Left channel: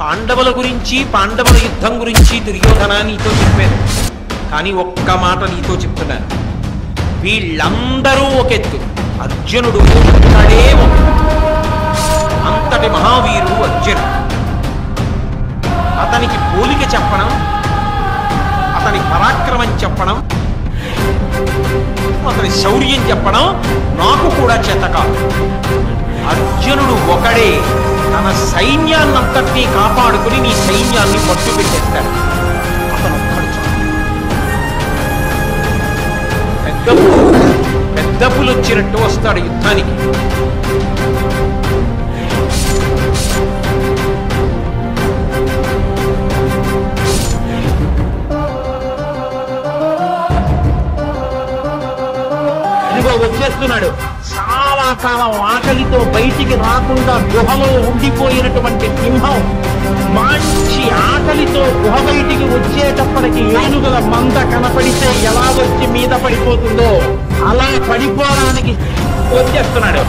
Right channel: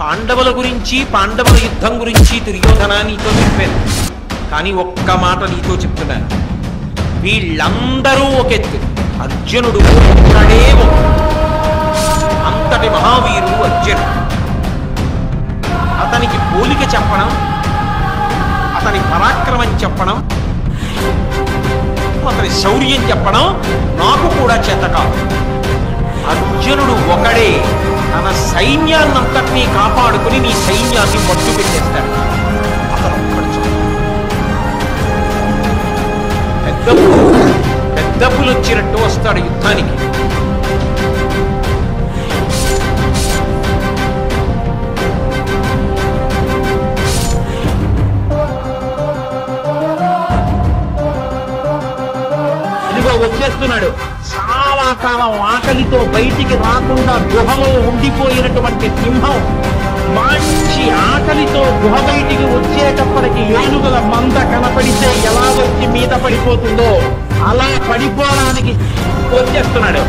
పాండవుల గురించి పాండవుల యుద్ధం గురించి దుర్యోధన నీతో చెప్పాను, కానీ ఒక్క మాట నీతో చెప్తున్నాను. వీళ్ళందరూ ఒక ఎత్తు, అర్జునుడు ఒక్కడే ఒక. అంతటి మహావీరుడు అర్జునుడు. అతనికి పోలిక చెప్పడం, అతని పరాక్రమం చెప్పడం, అతని శౌర్యం చెప్పడం నాకు కూడా చేత కాదు. అర్జునుడు ఒకడే తన సైన్యాన్నంతటినీ కాపాడుకుని నీ సైన్యాన్ని మట్టు పెట్టేస్తాడు. అతను ఒక్కడు చాలు. పెద్ద పులు వచ్చినట్టు వస్తాడు యుద్ధానికి. ఇదిగో వచ్చేస్తున్నాడు. చాలా కాలం ఆకలితో బయటికి రాకుండా గుహలో ఉండిపోయినటువంటి సింహం మంచి ఆకలితో గుహ బయటికి వచ్చేటప్పటికి ఏనుగుల మంద కనపడితే ఎలా వచ్చి మీద పడిపోతుందో అలా పడిపోవడానికి వచ్చేస్తున్నాడు.